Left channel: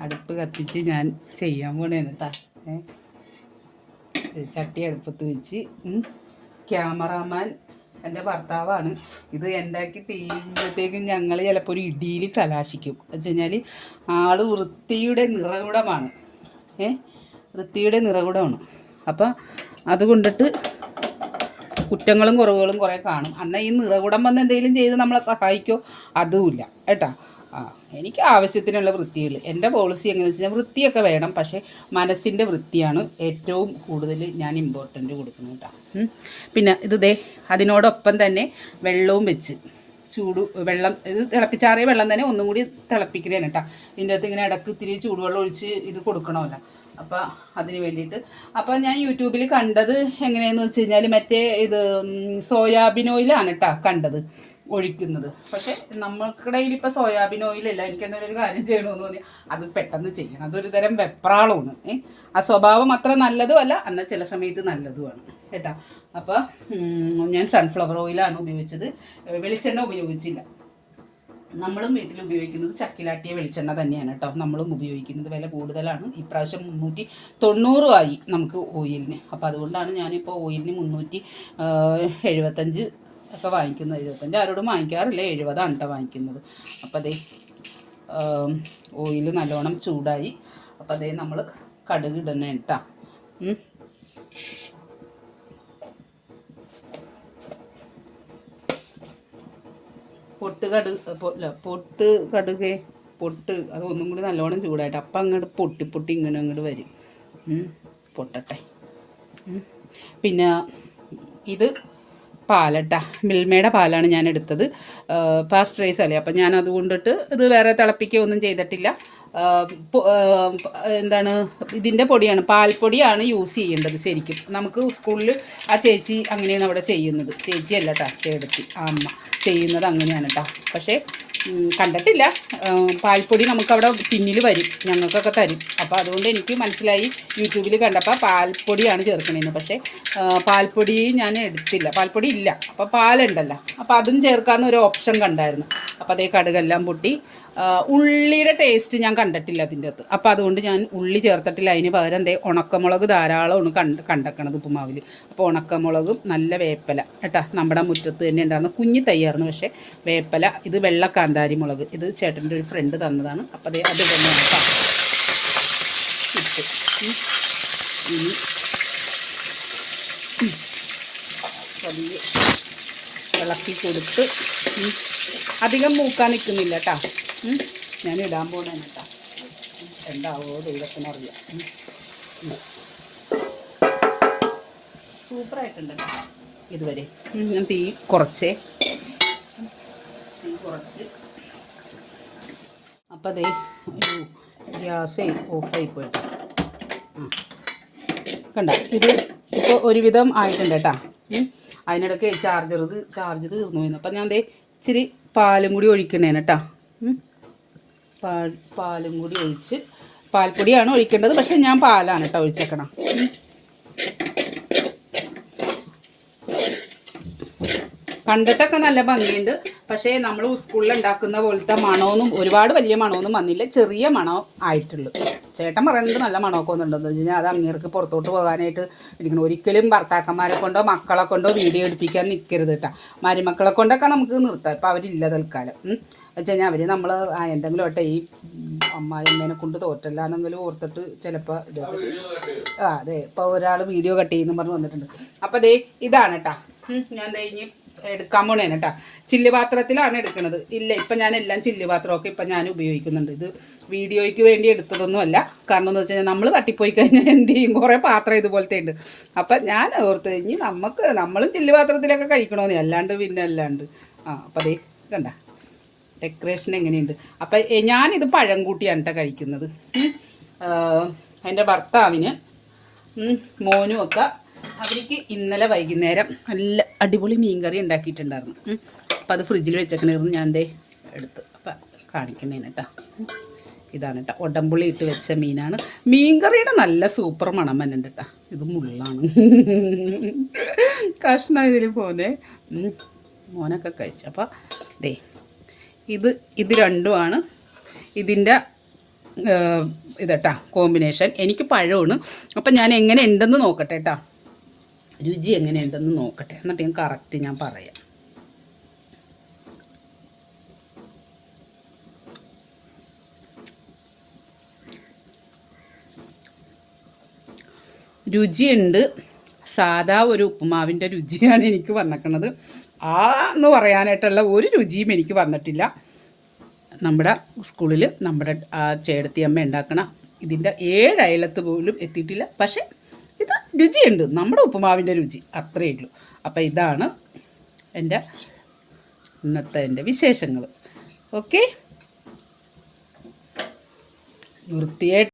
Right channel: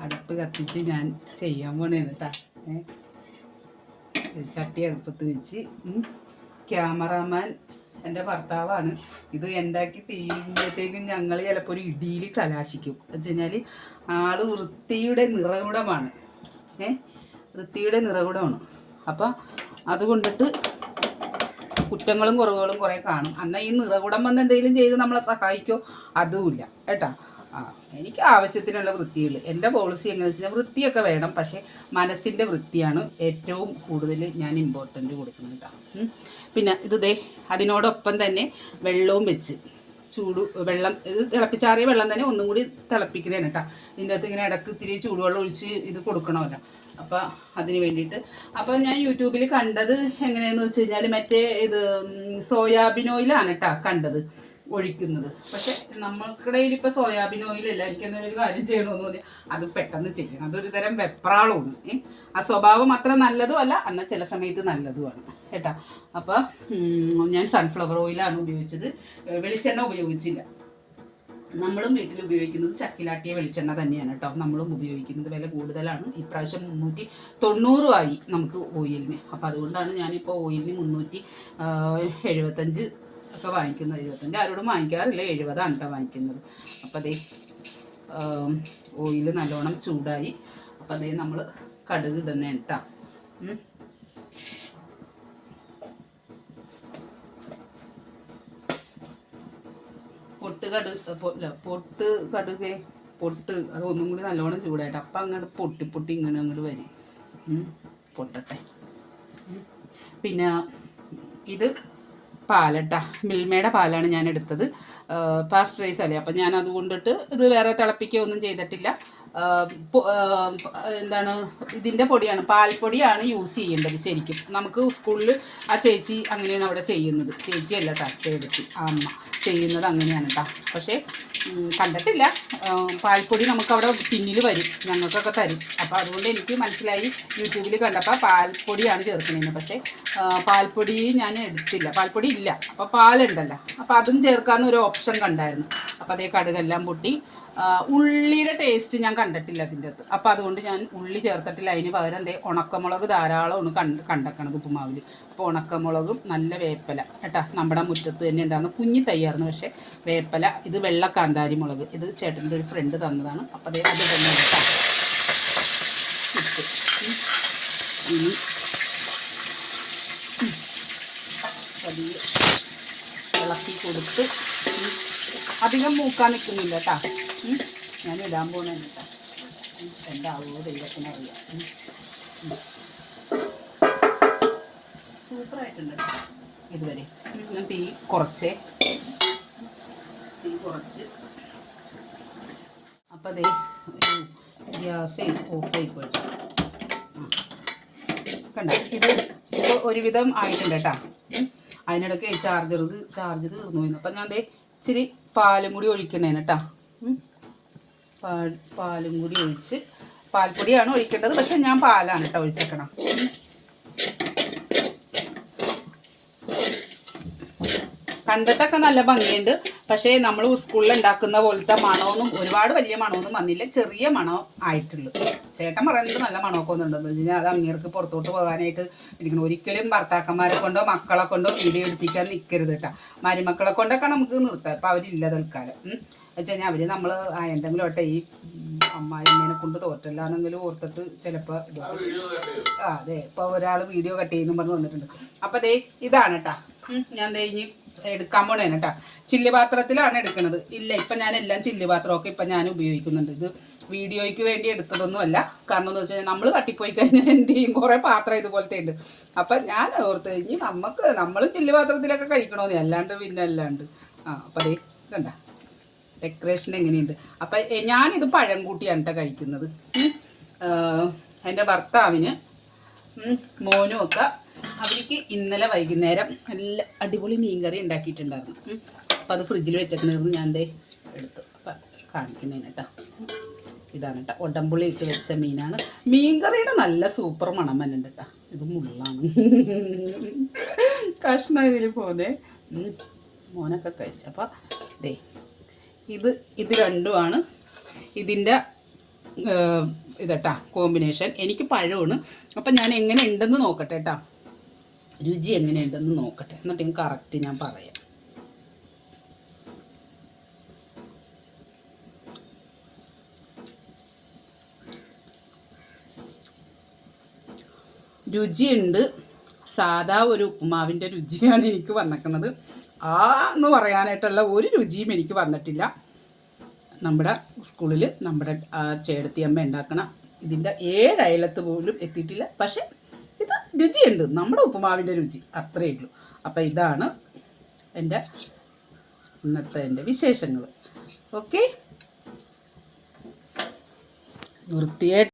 അടുപ്പ് കത്തിച്ച് ഞാൻ ചെയ്യാൻ പോണേന്ന് കേട്ടാ ചട്ടി അടുപ്പത്ത് വെച്ച് ക്യാമറമാൻ എന്റെ ഭർത്താവാണ്. ഇത് ഉണ്ടാക്കി തീരുമ്പോഴത്തേക്കും ഞങ്ങൾ ചിലപ്പോൾ ഒരു ഇടിയിൽ കലാശിക്കും. എന്ന് വെച്ച് കഴിഞ്ഞാൽ ആൾ വൃത്തിയുടെ നിറകുടമാണ്. ഏ? വൃത്തിയുടെ നിറകുടമാണ്. അപ്പം അത് കൊണ്ടിട്ട് കുറ്റങ്ങളും കുറവുകളും കുറേ കാണും. എന്നാൽ ഈ നിറകുടം വന്ന് എന്തെങ്കിലും ചെയ്ത് നമ്മളെ സഹായിക്കോ? അതുമില്ല. കേട്ടാ? ആ എനിക്ക് ആവശ്യത്തിനുള്ള വൃത്തികൾ എന്റെ പോളിസി എങ്ങനെയാണെന്ന് വെച്ചാൽ വൃത്തിയൊക്കെ വേണം. പക്ഷേ മനസ്സിന്റെ വൃത്തിയാണ് ഏറ്റവും കൂടുതൽ ഞാൻ ഇമ്പോർട്ടന്റ് കൊടുക്കുന്നത് കേട്ടോ പിന്നെ ഇത് ദേ അതിനോടൊപ്പം തന്നെ വെള്ളവും വെച്ച് ചൂട് വെള്ളം ഇത് തിളപ്പിച്ചാറിയ വെള്ളം തന്നെ ഒന്നും കൂടി തിളപ്പിക്കുന്നതാണ് കേട്ടോ ഇതിന്റെ അകത്ത് ഇങ്ങനെ ഇടയ്ക്ക് ഇത്തിരി ചൂടുവെള്ളം ഒഴിച്ച് ഇത് കൊടുക്കണമല്ല. അപ്പോൾ അതിന് വേണ്ടിയിട്ട്. അപ്പോൾ ഞാൻ യൂട്യൂബിൽ കണ്ടത് എങ്ങനെയാണെന്ന് വെച്ച് കഴിഞ്ഞാൽ മറ്റേ ഇത് സോയാബീൻ ഓയിലാണ് കേട്ടോ കണ്ടത്. ഒഴിക്കുന്നത്. പക്ഷെ നമ്മൾക്കിടയിൽ ഇപ്പോൾ സോയാബീൻ ഓയിൽ എനിക്ക് എന്തെങ്കിലും കാര്യം ചെയ്യണമെന്ന് തോന്നി അത് പെട്ടെന്ന് ചെയ്യണം. അതൊരു തരം വെപ്രാളമാണ്. ഏ? ആ സ്വഭാവം അത്ര നല്ലതും അല്ല എന്നാൽ ചില സമയത്ത് നല്ലതുമാണ്. കേട്ടോ? അപ്പോൾ ഞാൻ സൺഫ്ലവർ ഓയിലാണ് ഉപയോഗിച്ചത്. വെളിച്ചെണ്ണ ഉപയോഗിച്ചില്ല. നമ്മളും വീട്ടിൽ ഉപയോഗിക്കുന്നത് ചക്കിലാട്ടിയ വെളിച്ചെണ്ണ തന്നെയാണ് കേട്ടോ. നമ്മളും ഉപയോഗിക്കുന്നത് വില കൂടുതലാണ്. ഇപ്രാവശ്യം മുന്നൂറ്റി തൊണ്ണൂറുമായി നമുക്ക് ഓയിലിന് അപ്പോൾ അതുകൊണ്ടാണ് ഞാനിപ്പോൾ ഓയിലിന് മുന്നൂറ്റി എഴുപത്തഞ്ച് ഒക്കെ വാങ്ങിക്കുന്നത് എഴുപത്തഞ്ച് ആരോടും വാങ്ങിക്കാറില്ല. എഴുപതാണ് കേട്ടോ വാങ്ങിക്കുന്നത്. അപ്പോൾ അതേ ഓയിൽ നല്ലോണം ചൂടായി. അപ്പോൾ അതേ നമ്മൾ കടുക് ഇടുന്നേ കേട്ടോ പൊട്ട് കടുക് പൊട്ട് കടുക് പൊട്ട് അത് ഒന്നും കൂടി നല്ലോണം ചൂടായിട്ട് അപ്പം അങ്ങോട്ട് പൊട്ടി പൊട്ടി ഇങ്ങനെ അങ്ങോട്ട് വരും. പൊട്ടട്ടെ. പിന്നെ ഇത് പാലട്ടാ. മിൽമയുടെ പാലാണ് ഞാൻ എടുത്തത് പാസ്റ്ററൈസ് അല്ലേ? അപ്പം ഞാൻ അതുകൊണ്ടിട്ട് ഇത് വേറെ തിളപ്പിക്കുകയൊന്നും ചെയ്തിട്ടില്ല. എന്താണ് ഇതിന്റെ പൊടിയാണ് പാൽപ്പൊടിയാണ് യൂസ് ചെയ്യേണ്ടത് ശരിക്കും. നമുക്ക് സ്കൂളിൽ ആ ചേച്ചി അങ്ങനെയാണ് അവിടെ ചെയ്യുന്നത്. ചേച്ചിയല്ല കേട്ടോ ആ അമ്മ ചെയ്യുന്നത് അങ്ങനെയാണ് കേട്ടോ പക്ഷേ കണ്ടിട്ടില്ല. പാൽപ്പൊടി നമുക്കവിടെ പിന്നിൽ വരും ഞങ്ങൾക്കൊക്കെ തരും. അപ്പോൾ അതുകൊണ്ട് എനിക്ക് മനസ്സിലായി യൂട്യൂബിൽ കണ്ടപ്പോൾ പാൽപ്പൊടിയാണ് ചേർക്കണേന്ന്. പക്ഷേ പാൽപ്പൊടി ഞാൻ എടുത്തില്ല. പാൽപ്പൊടി ഇല്ല. അപ്പോൾ പാലുണ്ടല്ലോ. അപ്പോൾ അതും ചേർക്കാമെന്ന് ഒരു ഓപ്ഷൻ കണ്ടായിരുന്നു. അപ്പോൾ അതേ കടുകെല്ലാം പൊട്ടി ഉള്ളിയുടെ ടേസ്റ്റ് ഞാൻ കണ്ടിട്ടില്ല അതിന്റെ അകത്ത്. അപ്പോൾ അതുകൊണ്ട് ഞാൻ ഉള്ളി ചേർത്തിട്ടില്ല. അതിന് പകരം എന്തേ ഉണക്കമുളക് ധാരാളമാണ് കണ്ട് കണ്ടക്കണത് ഉപ്പുമാവിൽ അപ്പോൾ ഉണക്കമുളകും നല്ല വേപ്പല. കേട്ടാ നമ്മുടെ മുറ്റത്ത് തന്നെ ഉണ്ടായിരുന്നു കുഞ്ഞി തയ്യായിരുന്നു പക്ഷേ വേപ്പല ഇത് വെള്ള കാന്താരി മുളക്. ഇത് ചേട്ടന്റെ ഒരു ഫ്രണ്ട് തന്നതാണ്. അപ്പോൾ അത് അത് തന്നെ ഇട്ട്. വലിയ ഇളക്കി കൊടുത്ത് അധികം മൂക്കാൻ നിൽക്കുന്നില്ല കേട്ടോ ഞാൻ ഇടാൻ പോണേ കേട്ടോ എന്താവോ ദൈവത്തിനറിയാം. സൂപ്പറായിട്ടുണ്ട് ഇതുവരെ. ഞാൻ തീ കുറച്ചേ. തീ കുറച്ച്. അപ്പം അതേ ഗ്യാസേ ഓഫായി പോയിട്ട്. കണ്ട? ഇത് ഇപ്പോൾ ഒരുവിധം ആയിട്ടുണ്ട് കേട്ടോ. അതിനിടയ്ക്ക് ചാർജർ ചാർജ് തീർന്നു പോയിരുന്നു അപ്പം ഞാൻ ദേ ഇച്ചിരി പാലും കൂടി ഒഴിക്കണേന് പാലും കൂടി ഒഴിച്ച് പാൽപ്പൊടിയാണ് ഒഴിക്കേണ്ടത്. പക്ഷെ ഞാൻ പാലാണ് കേട്ടോ ഒഴിച്ചേക്കണം. കണ്ടിട്ടൊക്കെ നല്ല ഭംഗിയുണ്ട്. പക്ഷേ നമ്മൾ സ്കൂളിൽ ഉണ്ടാക്കുന്ന പോലത്തെ മണമൊന്നും ഒരുപാട് വലിയ മണമൊന്നും വന്നില്ല. ചെറിയ മണം ആയിട്ടുള്ളൂ. ചേട്ടൻ പറയുന്നത് നല്ല മണമൊക്കെ ഒന്നുണ്ടെന്ന് വെച്ച് കഴിഞ്ഞാൽ അത് അങ്ങേർക്ക് പുറത്തോട്ട് പോകാനായിട്ട് ഇരിക്കണം. ഒരിക്കലും ഭർത്താക്കന്മാരെ കൊണ്ടോ മക്കളെ കൊണ്ടോ വീഡിയോ എടുപ്പിക്കാൻ നിൽക്കരുത് കേട്ടോ. മരുമക്കളെ കൊണ്ടൊക്കെ നമുക്ക് നിർത്താം. ഇപ്പം അവരില്ല തൽക്കാലം. വെച്ച് കഴിഞ്ഞാൽ അവർ നമ്മൾ എന്തെങ്കിലും ഒട്ടെ ഈ അമ്മായി അമ്മേനെ കൊണ്ട് തോറ്റല്ലാന്നെങ്കിലും ഓർത്തിട്ട് ചിലപ്പോൾ ഇത് ആ അതെ. ഇപ്പോൾ ഒരാൾ വീഡിയോ കട്ട് ചെയ്യുന്നു പറഞ്ഞ് വന്നിട്ടുണ്ട്. അപ്പോൾ ദേ ഇതാണ് കേട്ടാ ഞാൻ ദേ ഇനി എടുക്കാൻ പോണേ കേട്ടാ ചില്ല് പാത്രത്തിലാണ് എടുക്കുന്നത് ഇല്ല ഇപ്പം ഞാൻ എല്ലാം ചില്ല് പാത്രമൊക്കെ ഇപ്പം ഞാൻ ഉപയോഗിക്കുന്നുണ്ട്. ഇത് വീഡിയോയ്ക്ക് വേണ്ടി എടുത്തതൊന്നുമല്ല. കാരണം എന്ന് വെച്ച് കഴിഞ്ഞാൽ നമ്മൾ തട്ടിപ്പോയി കഴിഞ്ഞാൽ എന്ത് ചെയ്യും? കുറേ പാത്രം ഇതുപോലത്തെ ഉണ്ട്. അപ്പം ഞാൻ ഓർത്ത് കഴിഞ്ഞ് നമുക്ക് നമ്മളും ചില്ല് പാത്രത്തിലൊക്കെ കഴിക്കണമെന്ന് അല്ലാണ്ട് പിന്നെ അല്ലാണ്ട്. ആ അപ്പം അതേ കണ്ട. ഡെക്കറേഷൻ എങ്ങനെയുണ്ട്? അപ്പം എ- ഞാനിത് പഴം കൂട്ടിയാണ് കേട്ടോ കഴിക്കുന്നത് എന്റെ ഭർത്താവിന് മോനും ഒക്കെ അവർക്ക് ഇന്നലെ വൈകുന്നേരം നല്ല അടിപൊളി മീൻകറി ഉണ്ടാക്കിയിട്ടുണ്ടായിരുന്നു. അപ്പോൾ അപ്പം അത് ഫ്രിഡ്ജിൽ വെച്ചേക്കണായിരുന്നു. ഞാൻ ദേ എടുത്ത് അപ്പം കാണിക്കുന്നതിന് കേട്ടോ ഇതാണ് കേട്ടോ ഉടമ്പുളി ഇട്ട് വെച്ച മീനാണ്. മീൻകറിയുടെ നല്ല സൂപ്പർ മണം തന്നെ കേട്ടോ ഇത് മുള്ളാണ്. കഷ്ണം ഇതിൽ പോന്നെ. മോനൊക്കെ കഴിച്ചു അപ്പം ദേ ഇത് ഇത് രണ്ടുമാണ്. ഇതിന്റെ ഇതട്ടാ കോമ്പിനേഷൻ എനിക്ക് പഴമാണ്. അപ്പം ഞാൻ എങ്ങനെ ഉണ്ടെന്ന് നോക്കട്ടെ കേട്ടോ രുചി എങ്ങനെ ഉണ്ടെന്ന് നോക്കട്ടെ. എന്നിട്ട് ഞാൻ കറക്റ്റ് ഞാൻ പറയാം. രുചിയുണ്ട്. സാധാ ഒരു ഉപ്പുമാവിന്റെ രുചിയാണ് എനിക്ക് വന്നിക്കണത്. ആ എന്ന് പറയാനായിട്ടുള്ള ഒരു രുചിയും എനിക്ക് വന്നിട്ടില്ല. നമ്മുടെ സ്കൂളിൽ നമ്മുടെ ചേടത്തി അമ്മ ഉണ്ടാക്കണ ഇതിന്റെ ഏഴയലത്ത് പോലും എത്തിയിട്ടില്ല. പക്ഷേ ഇത് രുചിയുണ്ട്. നമ്മുടെ ഉപ്പുമാവിന്റെ രുചി അത്രയേ ഉള്ളൂ. അപ്പോൾ ഇതാണ് എന്റെ ഇന്നത്തെ എന്റെ വിശേഷങ്ങൾ ഓക്കെ? വൃത്തിയായിട്ട്